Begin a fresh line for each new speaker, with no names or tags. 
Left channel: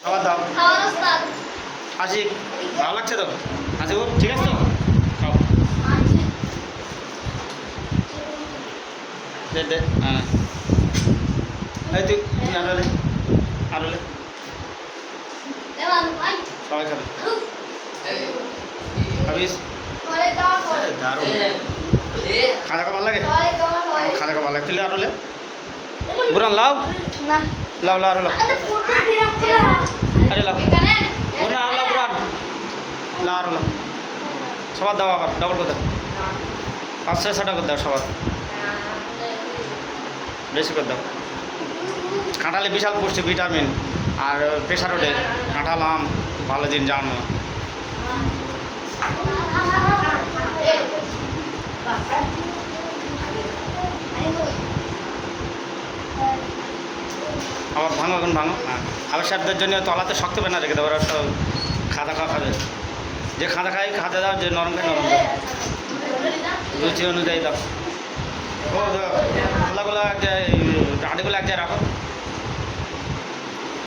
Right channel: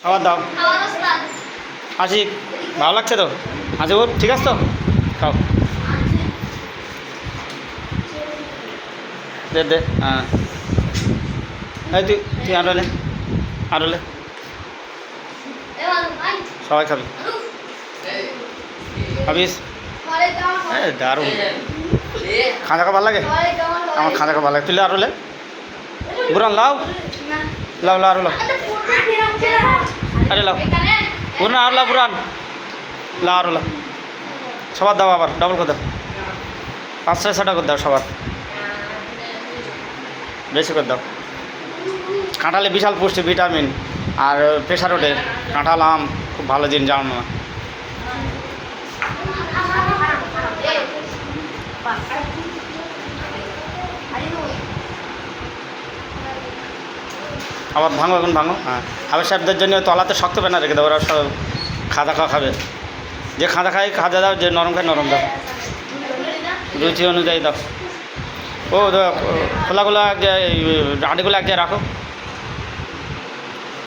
খাবার দাও। আশিক ভালো লাগছে তো? হাজিবুর ঠিক আছে? তো খাও। দে দে হ্যাঁ। এই তুই তুই আরও লে আরও লে। সবাই খাবি। খাবিস দারুণ। খাঁজা খাবার লাগে? আমার খাঁজা খাবার লাগে। তুই আরও লে। বুড়ান লাও। লাও লাও আরও লাও।
আরে দিলাম খেলা
আরে লাও
এখানে
বুড়ান আরও লাও। সবার দাও আবার ডবল করে দাও। পাঁচ ছয় ছটা করে দাও সবার। বেশি করে দাও। কাঁঠালে বিশাল পুষ্টি, ভিটামিন আর প্রেশার ওঠে কাঁঠাল, আম, খুব ভালো জিনিস, জানো না? আবার ভাঙো এখন ভাঙো। হ্যাঁ। হাবের সাহেবদের জন্য তলাতে শক্ত পেন রেখে দেবো ওরা সব খাদা খাওয়া খাবে। যে খাঁদা খায় খাঁদা দাও, যে নরম খায়, নরম দাও। রুচি অনুযায়ী দাও। ও খোলাগুলো এক জায়গায় আটিগুলো এক জায়গায় রাখো।